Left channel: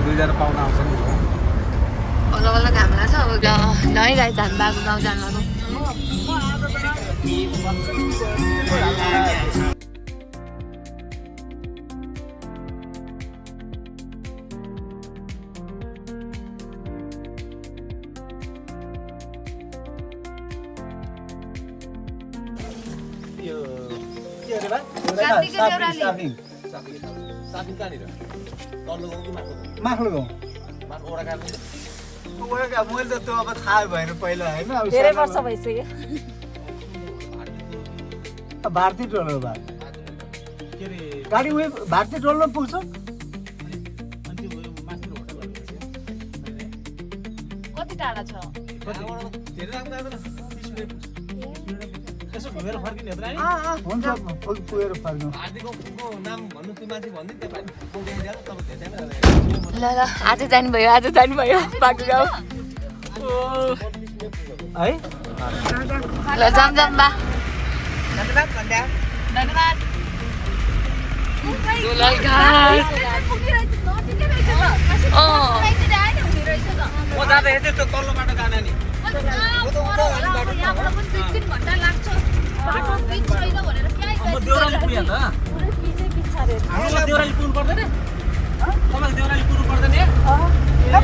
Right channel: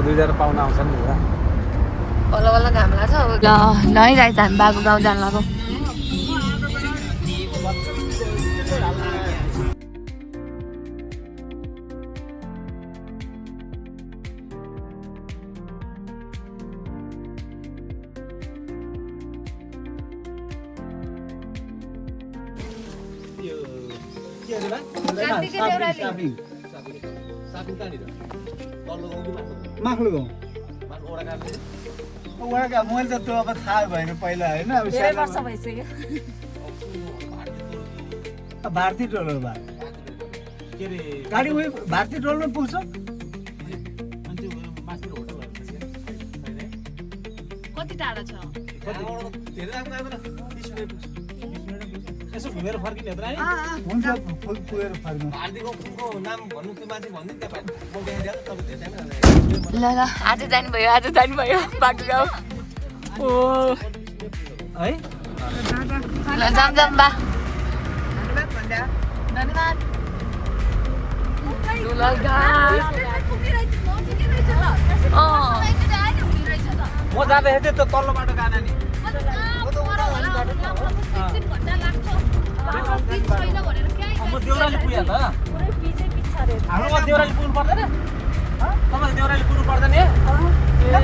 घरको 2 जना पाहुना आउँछ नि बल्ल बल्ल घाम लाग्छ अब ल गाइस हामी बाबु गाउँ जान लागौँ मैले त त्यो अब थाहा भएन पहिला होइन धेरै वर्ष भइसक्यो भारतीय टोलर भए गाडी उयो भारतीय टोलमा पुग्छ कति टाढा छ हुन्छ पुगेर फर्क्नु ल ल आज जानुभयो बाटो गाउँ है ल जाम बा धन्यवाद दुलाई घाट म जाँदा हेर्दै त तल्लो बाटो जाने नि देउराली पुग्यो त हाम्रो देउराली पुग्नु पर्दैन तपाईको देउराली पुग्नु पर्दैन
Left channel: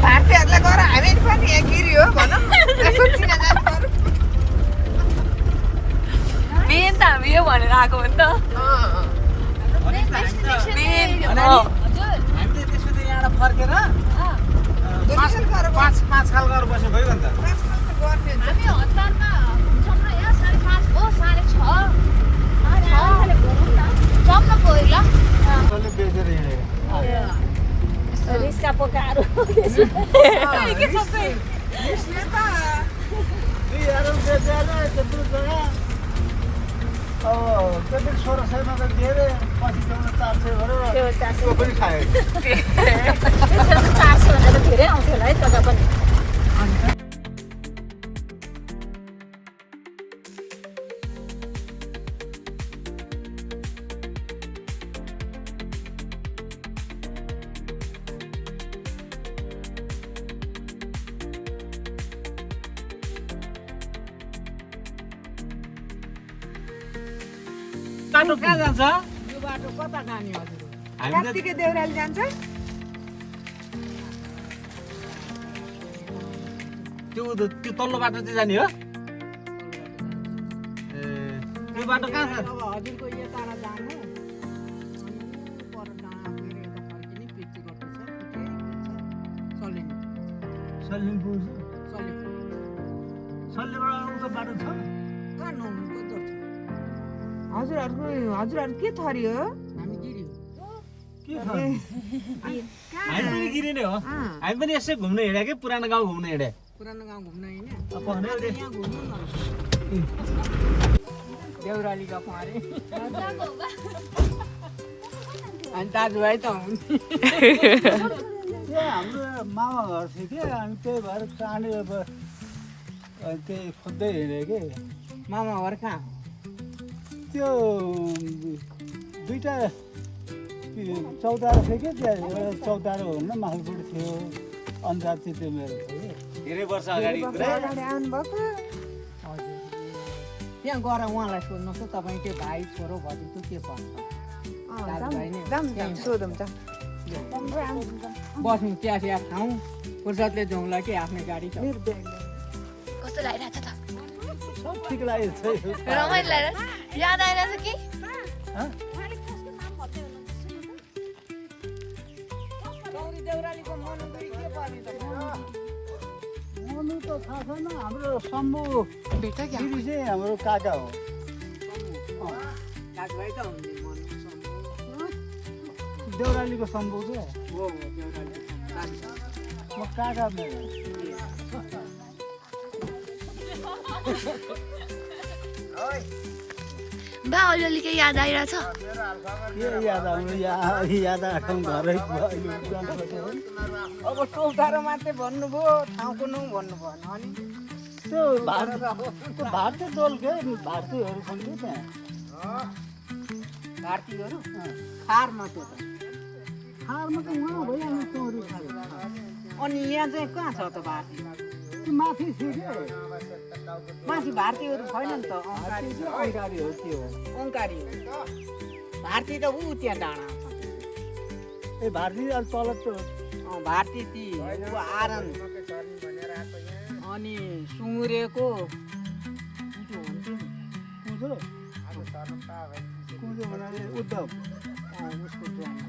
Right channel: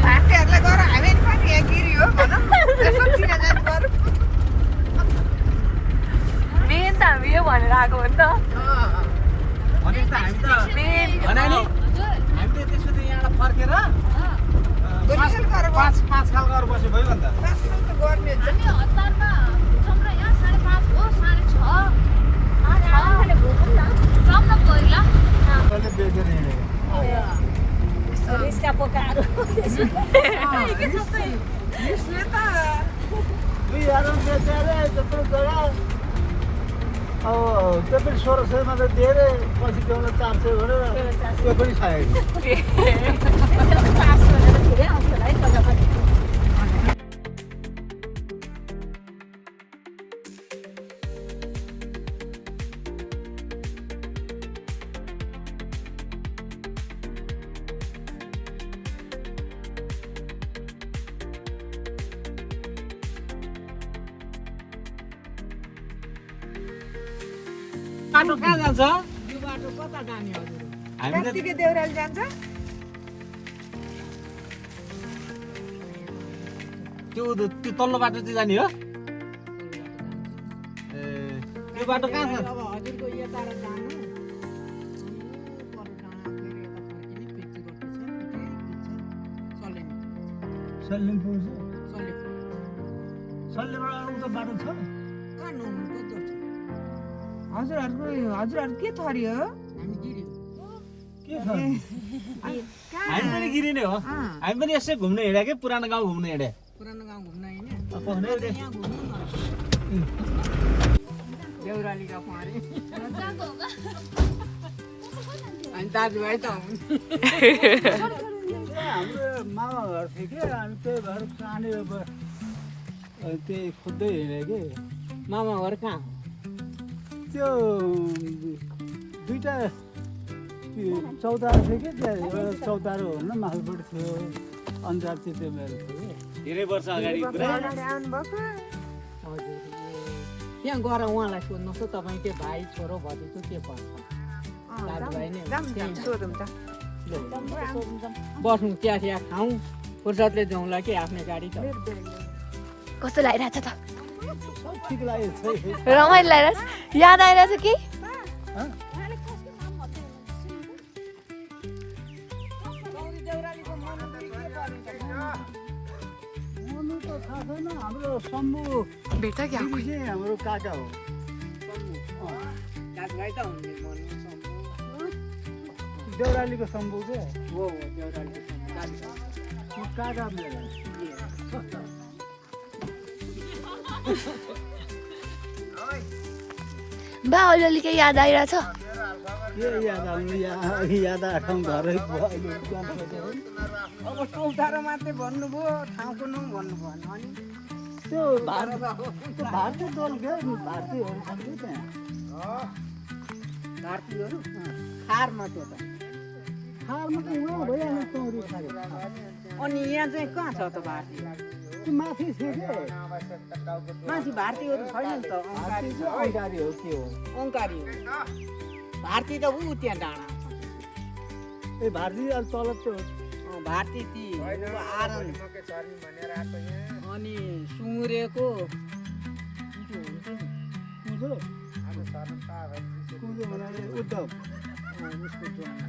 भारतीयहरूलाई गर हामी पनि यहाँ गिर्यो मेन त हामी यो भनेर आएको हो नि त मेन हामीले त्यसो त यहाँबाट फर्केर 5 साल गरेर बस्यो भयो नि त गर्ने हुन्छ हामी हतारमा छौँ न यहाँ 5:30 हो 6:30 जाउँ न पहिला कसले बेचेर हिँडेको रिस्का पोकाहरू यसले त त्यत्रो जग्गा अब त्यति 1600 मा त धेरै पछि ल्याउन 400 गरेर त्यो पनि खायो धेरै आउँछ होला है तल पनि बाटो कहाँ जान्छ यो बाटो कता जाने हजुर हामी त कार्तिके देउराली जान्छ त्यो तल्लो बाटो चाहिँ जाने हो ए त्यो बाटो कहाँ छ अब हजुरको यता जानु अनि ऊ पर डाँडा पुगेर यता फर्किने पिच्ची रोटी छ सल्लेनी सल्लिन पुग्छ सल्लेको सल्लेबाट उता बाटो छ कहाँ नहुनु कस्तो छ हजुरहरू के थरी हो हामी गिर्यो के छ हामी पनि गिरिने हो हामी पनि यसै घुम्न हिँड्या के पुरानो गाउँ घुम्न हिँड्या पुरानो गाउँ घुम्न होइन पक्रेर यहाँ घुम्नु न देउराली का पारे अनि दाजुभाइ त हाम्रो मामा घर थियो कि हामी त्यही भएर चाँडी त्यही खोज्दै हिँड्यो कि मामा घर कहाँ हो त्यो दुईवटा चौतारो थियो कि त्यहाँ एउटा चौतारो हुन्न माथिल्लोपट्टि थियो अन्जाति त्यो मेरो थियो कि धेरै वर्ष अगाडि कुरा आउनुभएको हजुर त्यहाँ गएर उहाँलाई सोध्नुहोस् त तपाईँकै भाइ छोरो भतिजो के पर्छ दाजुभाइ नै सोधौँ त बस्नु चिया खाउँ फुर्सदले जाउँला कि आफ्नै गाडी छ कस्तो लागिरहेछ त सब ठिक लागेको छ रमाइलो लागिरहेछ याद आइरहेछ कि देउरालीको मनुदुई के पर्ने त मनु त थाहा छैन हाम्रो शम्भु भेट क्या दिदी चाहिँ हाम्रो काका हो दाजुभाइ त हुने मनु सम्भव देउरालीको शम्भु के हो देउरालीको सम्भव दाजुभाइ म काका नै हो बा अलिअलि केही याद आइरहेछ के याद आउनु याद आएको घरै अहिले जान्छ अब चौतारो मात्रै भन्नुभयो ठाउँको नाउँ भन्नुभयो अनि त्यो भारतीय टोल के भारतीयहरू छन् कि त्यहाँ भारतीयहरू खारमा त्यो त फार्म त उहाँ भइहाल्ने चौरी खाले अनि यहाँ चाहिँ कहाँ छ त भारती त्यो माथि थियो के माथि भारतीहरू छैन नि त ओङ्कारी अङ्कारी हो के हो ओङ्कारी हो भारती त ऊ त्यहाँ डाँडा छ ए भारती अलि तल त भारती ती ऊ आरन अनि सुँगुरेको कुचो हुन्छ नि कुँजो भन्नाले उद्धव उसको ज्वाइँ हो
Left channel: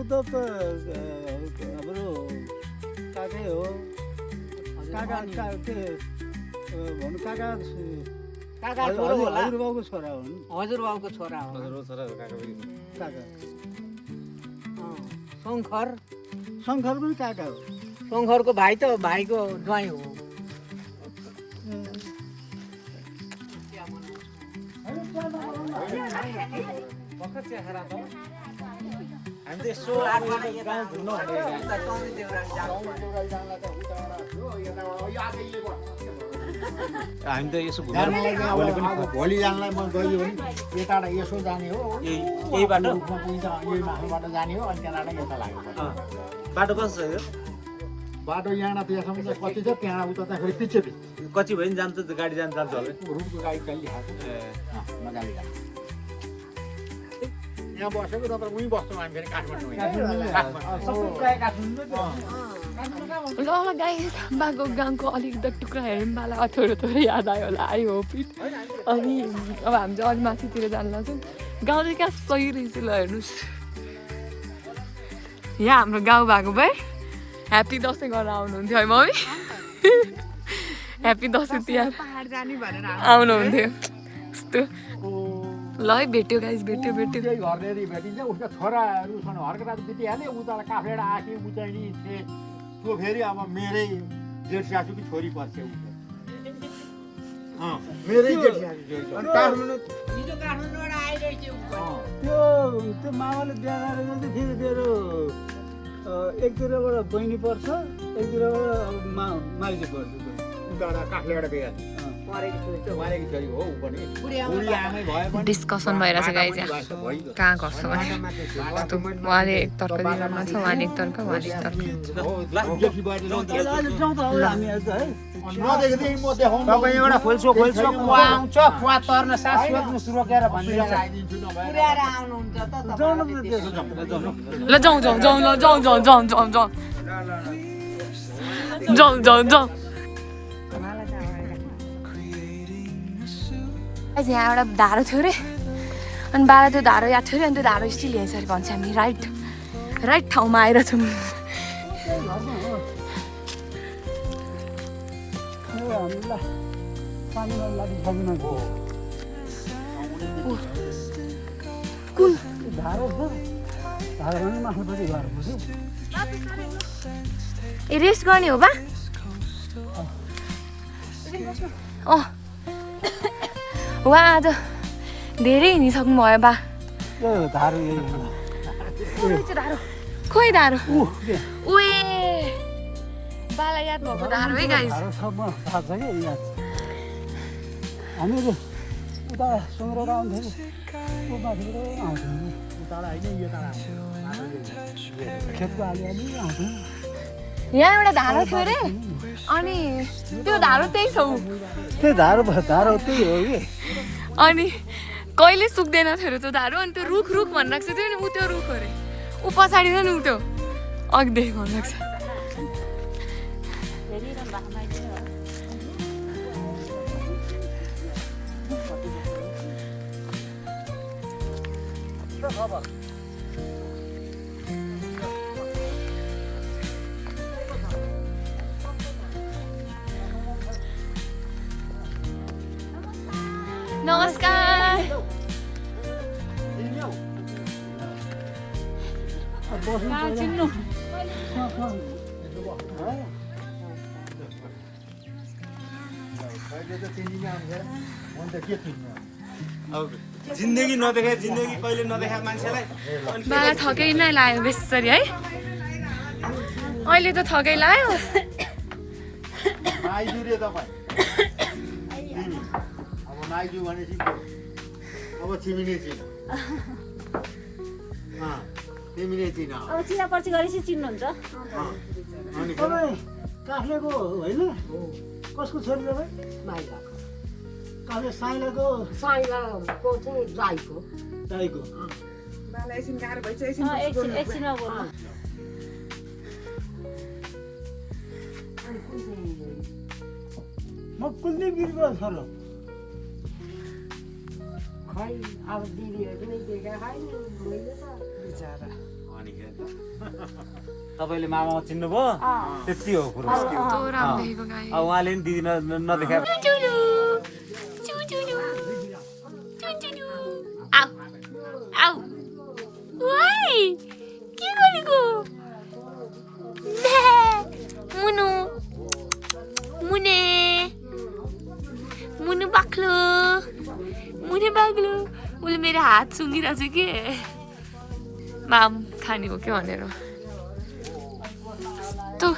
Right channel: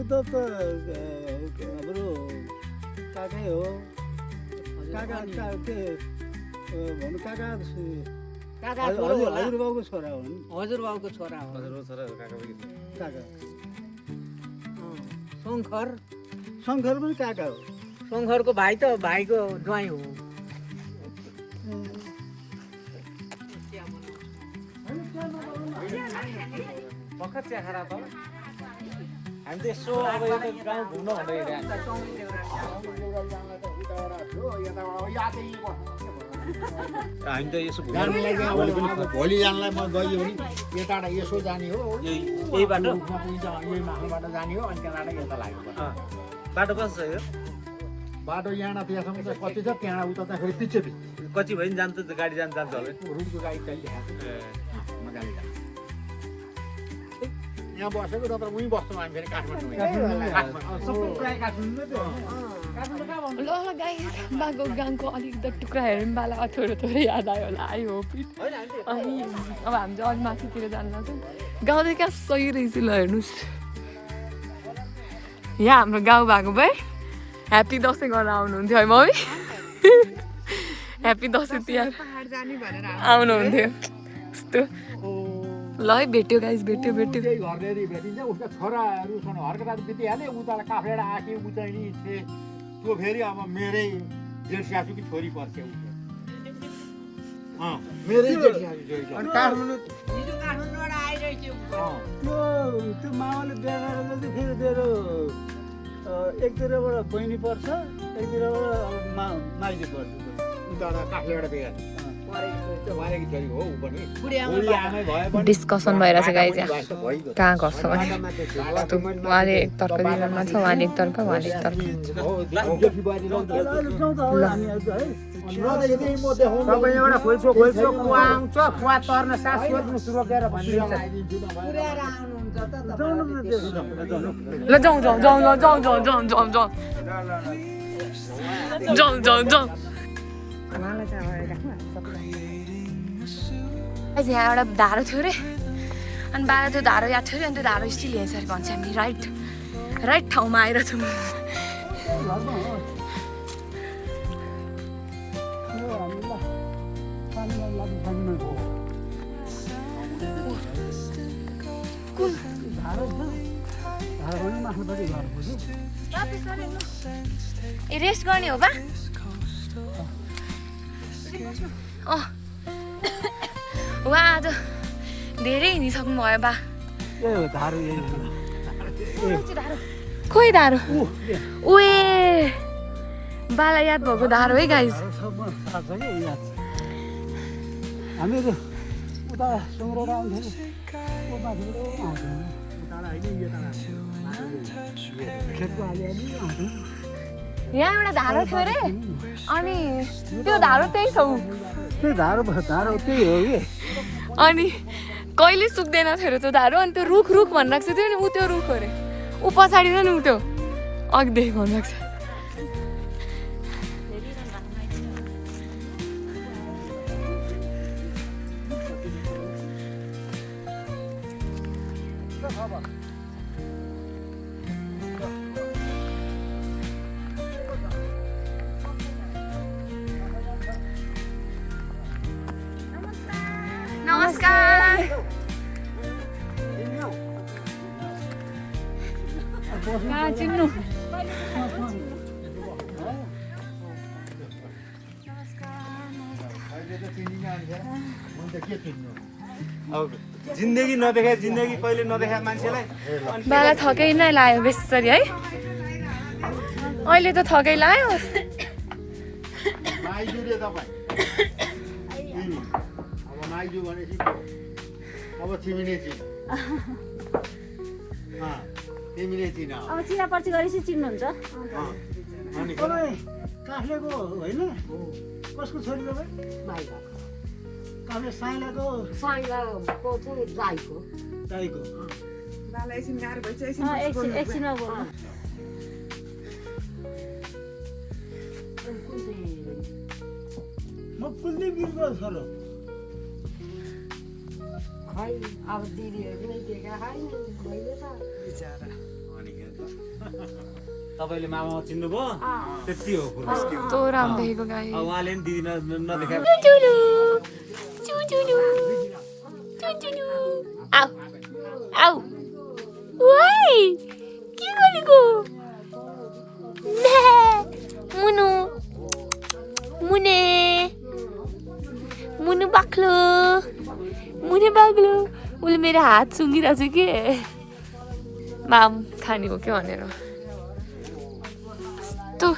उद्धव त हाम्रो काकै हो काका के भन्नु काका हजुरबाउको छोरा हो नि हजुरबाउको छोरा हो काका शङ्कर शङ्कर पनि काका हो शङ्करको भाइ त भाइको ज्वाइँ हो हामी त यसो भोलि जानलाई म गयो भने यताबाट यसो जाने हो यही बाटो रुखमा पुगिन्छ यही माथिबाट जाने हो अनि त्यहाँबाट यता लाग्यो बाटो कस्तो छ यो बाटो यहाँबाट त्यहाँसम्म चाहिँ कति छ त्यहाँबाट उता चाहिँ फेरि पछि कति भयो नि जान्छ त गाडी जान्छ होला रुटको गाडी चलिरहेको ए मजाले जान्छ यहाँ बसेको नत्र उहीँ बस्छौँ हामी फेरि काठमाडौँ ल गाइस बाको गाउँको अलिकति टुक्रा हेरौँ बाला थोरै थोरै याद आयो होला आई होप इट अनि अब हामी चाहिँ अलिक माथितिर जानु लाग्छौँ गाउँ चाहिँ क्या सही रहेछ ल हेर्नुहोस् यहाँ हाम्रो गाउँ भएको भए ह्याप्पी दसैँ गरेर आउनुहुन्थ्यो है मम्मी ह्याप्पी दसैँ तिहार आउनुहुन्थ्यो यस्तो ल है भेट्यो गाइस भेट्यो भेट्यो त्यही घर यदि भेटिन्छ उसका छोराहरू छन् हर्करात बितिहाल्यो उता काफेडा आँखी उचाइनी थिए त्यो फेरि अब मेरै जेठ सासूकी छोरी पर्छ मेरै जेठ सासू छोरी छ काठमाडौँ हिजो काठमाडौँबाट आइरहेछ त्यो मामाले बिहा गरेको चाहिँ फेरि मेरो एकतिरबाट बहिनी पर्छ एकतिरबाट अब माइली पर्छ उताबाट काठलेबाट गइहाल्छ वारेकी छोरी हो ऊ पनि बुढी आमै भए पनि डिस्कसन भइरहेछ गाइस यहाँ कहाँ गर्छ भने उहाँले एकतर्फ दिनमा छ उहाँले एकतर्फ उहाँले एकतर्फ जेठी बारी नदेखेदेखि म देखाउनु एउटा खोल्छो कुवा आउँछ कुवा तर्न सास रोकेर भनिरहेर आइदिन्छु पुर्याएर आउनुहुन्छ त ल जाउँ जाउँ जाउँ ल जाउँ जाउँ जाउँ जाउँ जाउँ जाउँ जाउँ जाउँ यहाँ एउटा धारो थियो अरे अनि बाबा त्यो धारो याद थियो अनि त्यो धारो स्टिल यहाँ सरी भन्छ हामी राइट ठाउँमा आइरहेछौँ ए रेस्ट गर्ने हो बा अँ उहाँ आज धेरै हिँडिसक्नु भयो बा खोइ धारो उए बालाई याद भएको धारो है गाइस हामीहरू उता सुँगुरबाट आउँथ्यो माथिबाट आउँथ्यो उताबाट होइन यो टाढा खेतको आलिअलि आउँथ्यो यहाँ एउटा धारो थियो अरे अनि त्यो धारो त्यही छ ऊ त्यही धारो त्यही हो कि अनि कहिले सुक्दैन थियो अरे त्यो धारो अनि त्यो रुख भनिरहेको थियो नि ऊ त्यो रुख अरे ऊ पछाडि छ नि ऊ त्यो अघिदेखि भनिरहेको छ नमस्कार जिन्दगी नदेखा जिन्दगी कहिले नदेखा मान्छेलाई बाला थकै नै लाग्यो बेसरी है अहिले त थकै लाग्यो माइजू भनेपछि अब छिमिने तिमीले चिन अब चिना पर्ची गरेपछि चिन्नुहुन्छ अनि तपाईँ काफ्लेको होइन कसको छोरी तपाईँ माइलाको काफ्ले साइलाको साइलाको चाहिँ राईको दाइको एकछिनमा म कुलदीप गिरीको छोरो खै अब दिदीहरू नै दिएका होइन मैले त अनि हेर त तपाईँले मामा चिन्नुभयो त्यति हो कुरो कस्तो राम्रो देखेको गाई अब उहाँले नि दिदी नदेखा आउ आउ वाइ के गरेको मुनु मुने मुनु बाक्लो उसले मेरो हात सुँगिरहेको छ के माम खाने हो के भनेर यस्तो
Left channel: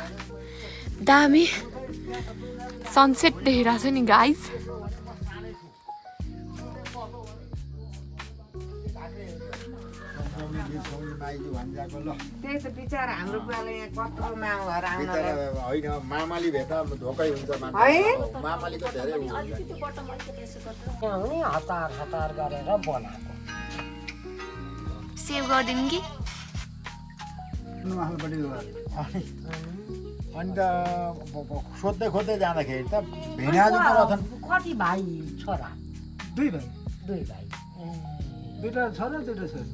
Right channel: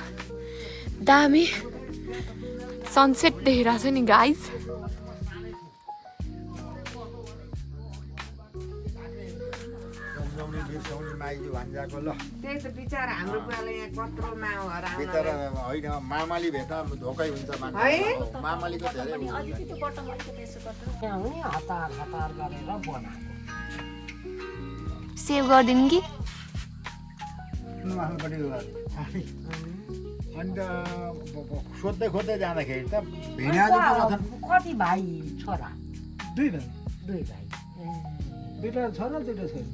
दामी सनसेट देখিरहेको छ नि गाइज त्यही त बिचारा हाम्रो बुवाले यहाँ कत्रो माउ भएर बिचरा होइन मामाली भेट्दा धोकै हुन्छ मान्छे मामालीको धेरै उ हुन्छ यहाँ हुने हतार हतार गरेर बनाएको सेभ गरिदिनु कि नुहाल्पट्टि अनि त सोध्दै खोज्दै जाँदाखेरि त भेना कति भाइ छोरा दुई भाइ दुई भाइ दुईवटा छोरा दुईवटा छोरी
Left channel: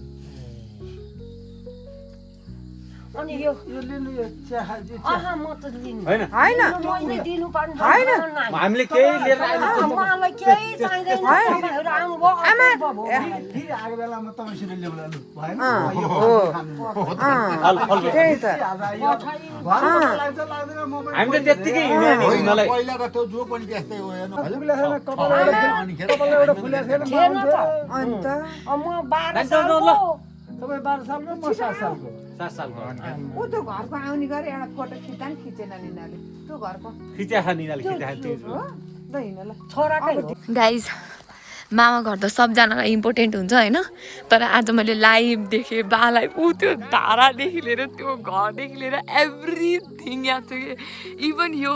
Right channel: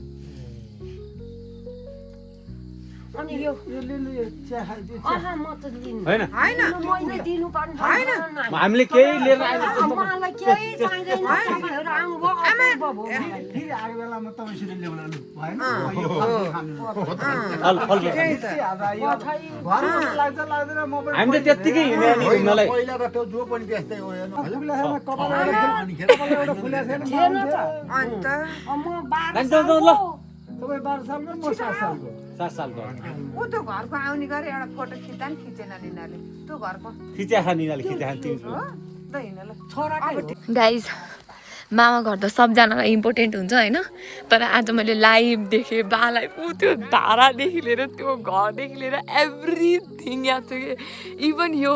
अनि यो यो लिनु यो चिया म त लिनु होइन होइन मैले दिनु पर्ने हामीले केही लिएर उहाँलाई केही चाहिँदैन तपाईँहरू आउनुभयो फेरि आएको बेलामा तपाईँसित ल्याउनु भएन लाग्दैन म हामी त त्यत्तिकै हिँड्नेलाई पहिला त त्यो जो पनि त्यस्तै हो हेर्नु कपाल एउटा फुलेको छैन अन्त म 12 तपाईँ 12 सालको म 7 सालको 7 सालको ऊ त्यो घरको आउने गरे एउटा फोटो खिच्दा नि खिचेन निनाले त्यो घरको खिच्या खानिनाले खिच्या खान्थ्यो छोराकै हो गाइज मामा घर त सबजनालाई इम्पोर्टेन्ट हुन्छ होइन तर आज मैले लाइभ देखेँ बालाई ऊ त्यो धारादेखि लिएर त्यो घरदेखि लिएर एभ्रिथिङ याद थियो कि इभन यो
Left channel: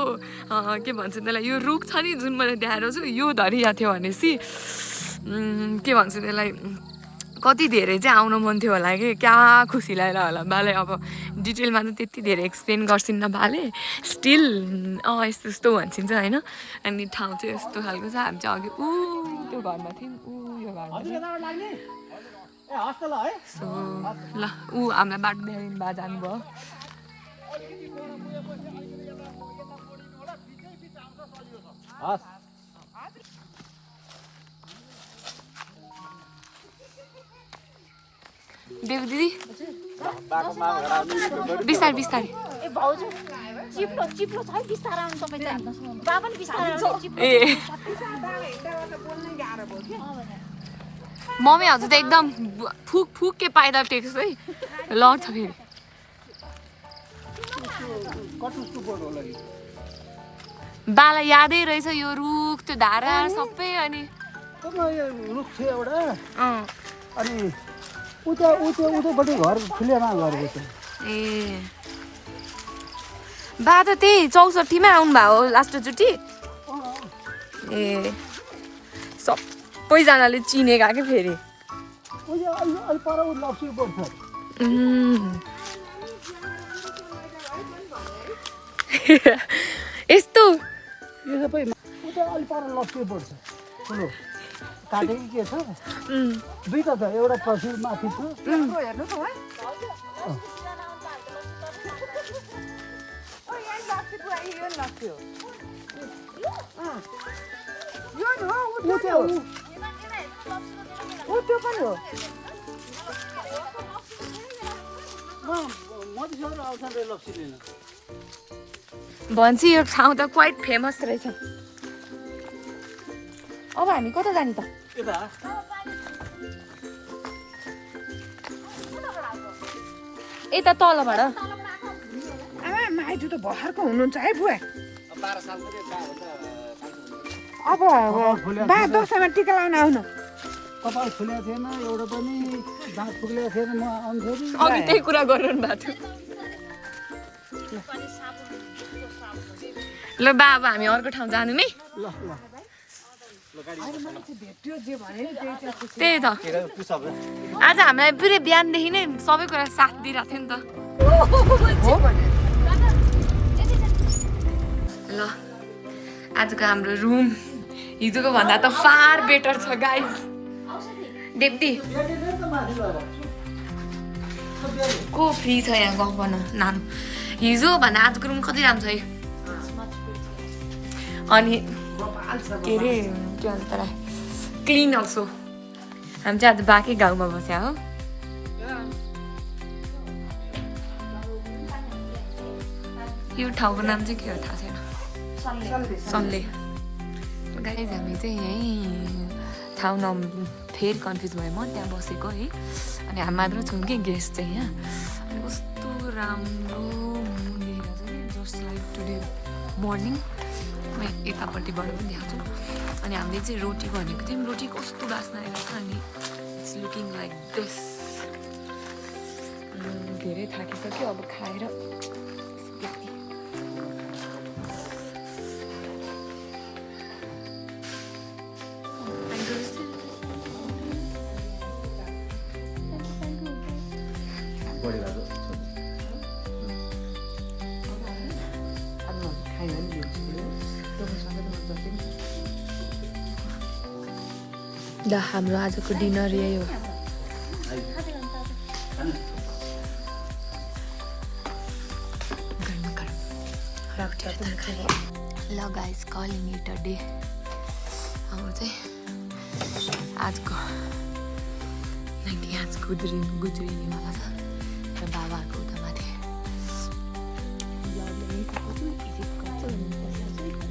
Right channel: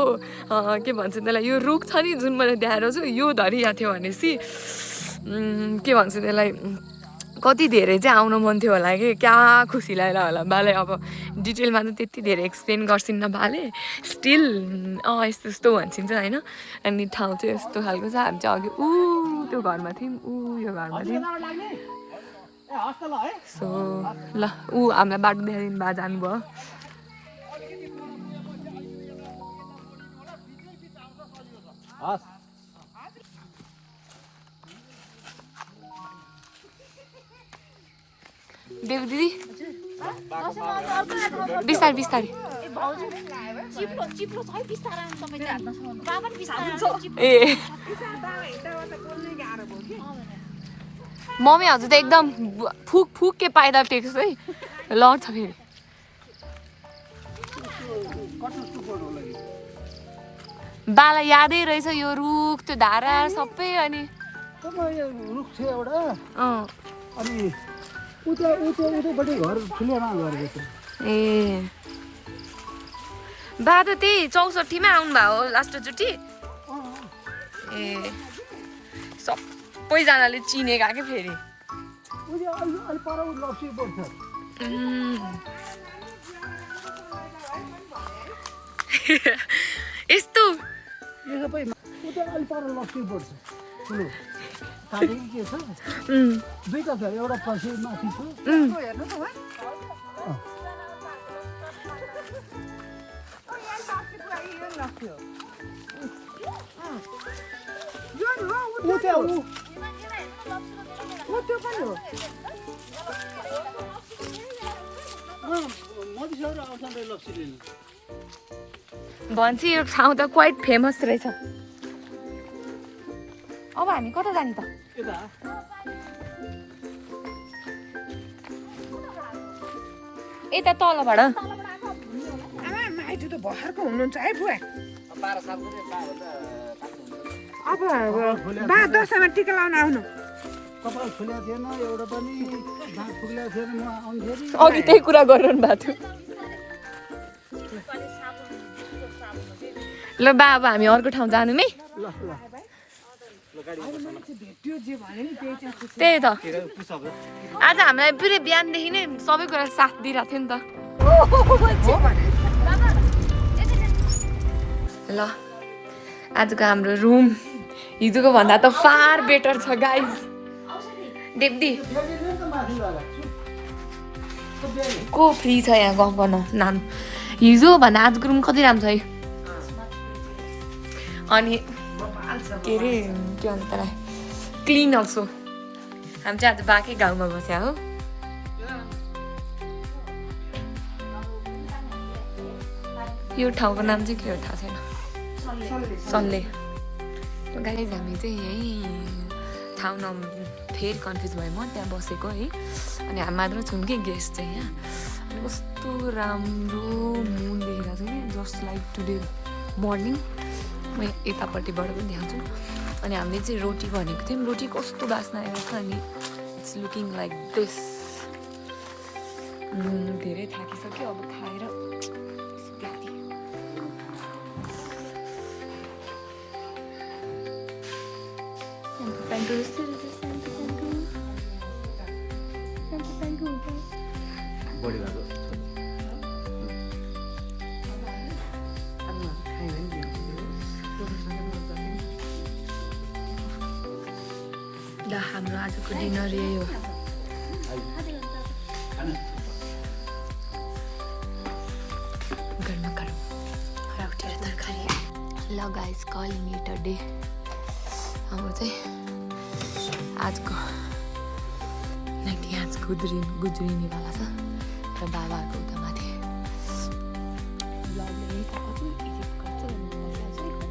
के भन्छ त्यसलाई यो रुख छ नि जुन मैले देखाएको छु यो धरि याद थियो भनेपछि के भन्छ त्यसलाई कति धेरै चाहिँ आउनु मन थियो होला कि क्या खुसी लागेर होला बाले अब डिटेलमा त त्यति धेरै एक्सप्लेन गर्छिन्न बाले स्टिल यस्तो यस्तो भन्छिन्छ होइन अनि ठाउँ चाहिँ यस्तो खालको छ हामी चाहिँ अघि त्यो घरमा थियौँ यो घरमा थियौँ सो ल हामीलाई बाटो देखाइदिनु भए जानुभयो देव दिदी बिस्तारै बिस्तारै ए मम्मी हजुर त एकदम फुक फुक के पाइदा टेक्छ है लड्छ फेरि बाला यादै रहेछ यो रुख त्यो धारा सबै अनि रुख छ एउटा अनि उतोपट्टि घर फुलेमा गरेको थियो बा त त्यही 64 मा आउनु भएको लास्टचोटि ए सबैजनाले चिनेका के फेरि यस्तो यो सबै अलि पर लक्ष्य पर्छ ठुलो काटेको के छ दुईटा छ एउटा पछि माथि छ भन्छ यो ठाउँ त क्वाइट फेमस रहेछ अब हामी कता जाने त यता तलबाट माइजू त भर्खरको हुनुहुन्छ है बुवा अब दसैँमा टिका लाउन आउनु कपाल फुलेको थिएन एउटा पनि दाँत फुलेको थिएन म आउँदाखेरि अघि त्यही कुरा गरिरहनु भएको थियो ल बा अब हामी अर्को ठाउँ जानु नि ल ल भेट्यो जे भने नि त्यही चाहिँ त्यही त आज हामीलाई पुरै बिहानदेखि नै सबै कुरा साथ दिइरहेको थियो नि त ल आजको हाम्रो रुम हिजोको भन्दा त फार बेटर छ गाइज देब्दी को फ्री छ यहाँ गफ गर्न नाम हिजो भन्दा आजको रुम कति राम्रो छ है अनि के अरे के भन्छ तर क्लिन अल्सो हामी चाहिँ आज बाँकै गाउँमा बस्या हो यो ठाउँको नाम चाहिँ के हो थाहा छैन सल्ले गाइज हामी चाहिँ यहीँ ठाउँ फेरि कन्फ्युज भयो म त्यहाँ बसेको है अनि हामी मात्र छौँ कि गेस्ट चाहिँ यहाँ अनि कस्तो राम्रो मुन देखेको छ कि जस्ट लाइक टुडे मर्निङ म यतापट्टिबाट पनि देखाउँछु अनि हामीले चाहिँ रोटी भनेको थियौँ रोटी कस्तो बास्ना आएको छ अनि इट्स लुकिङ लाइक दिस धेरै थाकिसक्यो अब खाएर बढी भएको ल हाम्रो आजको डिनर यही हो गरम गरम उठेर तरकारी ल guys calling it a day हाम्रो चाहिँ आजको नाइट यहाँ गुज्रिनेवाला छ र बाबाहरूको उता माथि ब्लगले यही थाहा छु इजिप्ट गर्छु भनेर बसिहाल्छु